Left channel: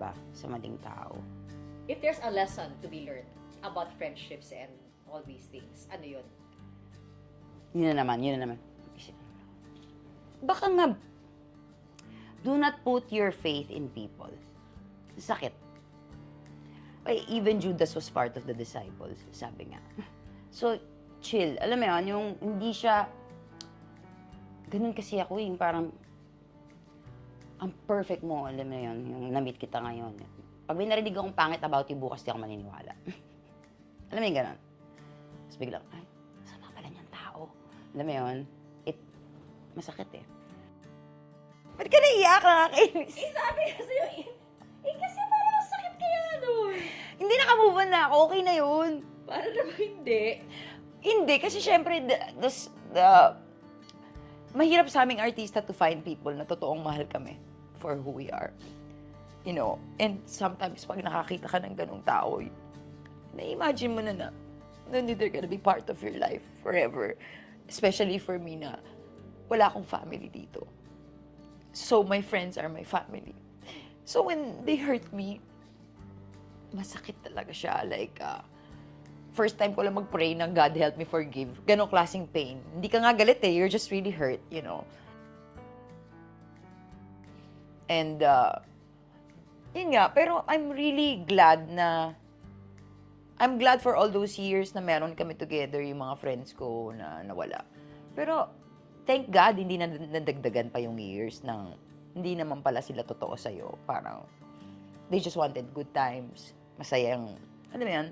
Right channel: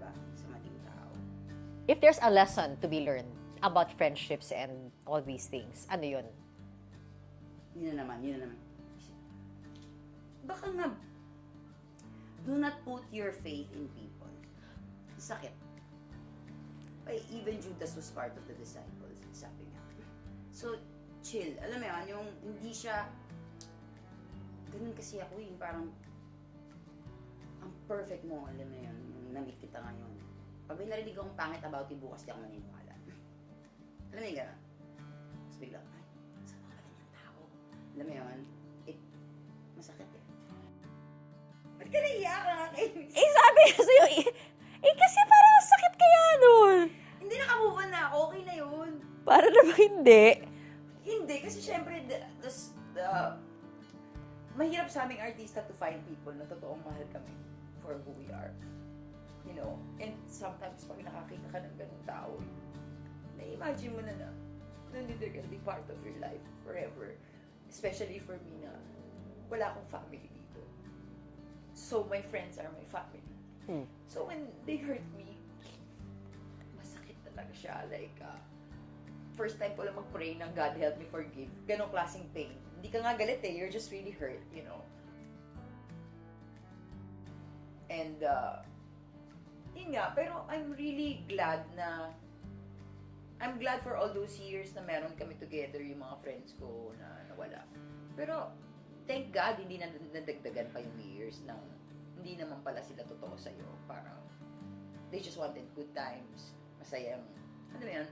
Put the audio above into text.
ba, sa maling tao. If there's a lesson to be learned about friendships and all these things, ano yun? Yun na naman. Baka nga, do not put your faith in people. Sakit. Ay, even Judas was part of the disciples, sabi nga. So, chill. Alam mo yun, yung hindi siya, ganun kasi ako, yung parang, ang perfect mo, alam mo yun, yung na-meet kita ngayon. Pag may narinig akong pangit about you, bukas di ako maniniwala. Alam mo yung ganun? Tapos biglang, ay, sama pala niyang tao. Alam mo yun, masakit eh. Ba't ka naiiyak? Nakakainis. Sabi ko sa'yo, kasi parang sakit kaya nun. Hindi, naka-move on na ako. Okay na yun. Para naman hindi. Hindi, kasi syempre, mahirap sa aming artista to find people na totoong mahal kami for who we are. You know, and sometimes pag nakakita ka ng ganung tao, na-imagine mo na they're gonna be part of your life forever. Especially for me na wala akong family dito. So, my friends are my family. So, when they hurt me, masakit talaga siya. Like, first time ko lang mag-pray na God help me forgive. Ganong klaseng pain. Hindi ka nga galit eh. You're just really hurt, you know. And, yun nga. Pero I'm really glad I'm glad for all those years na meron kami together, yung mga friends ko na nawala. Pero, thank God, hindi na nadagdagan pa yung years ng hindi naman pala sila totoo sa'yo. Parang, they just wanted good times. Masayang, ano yan?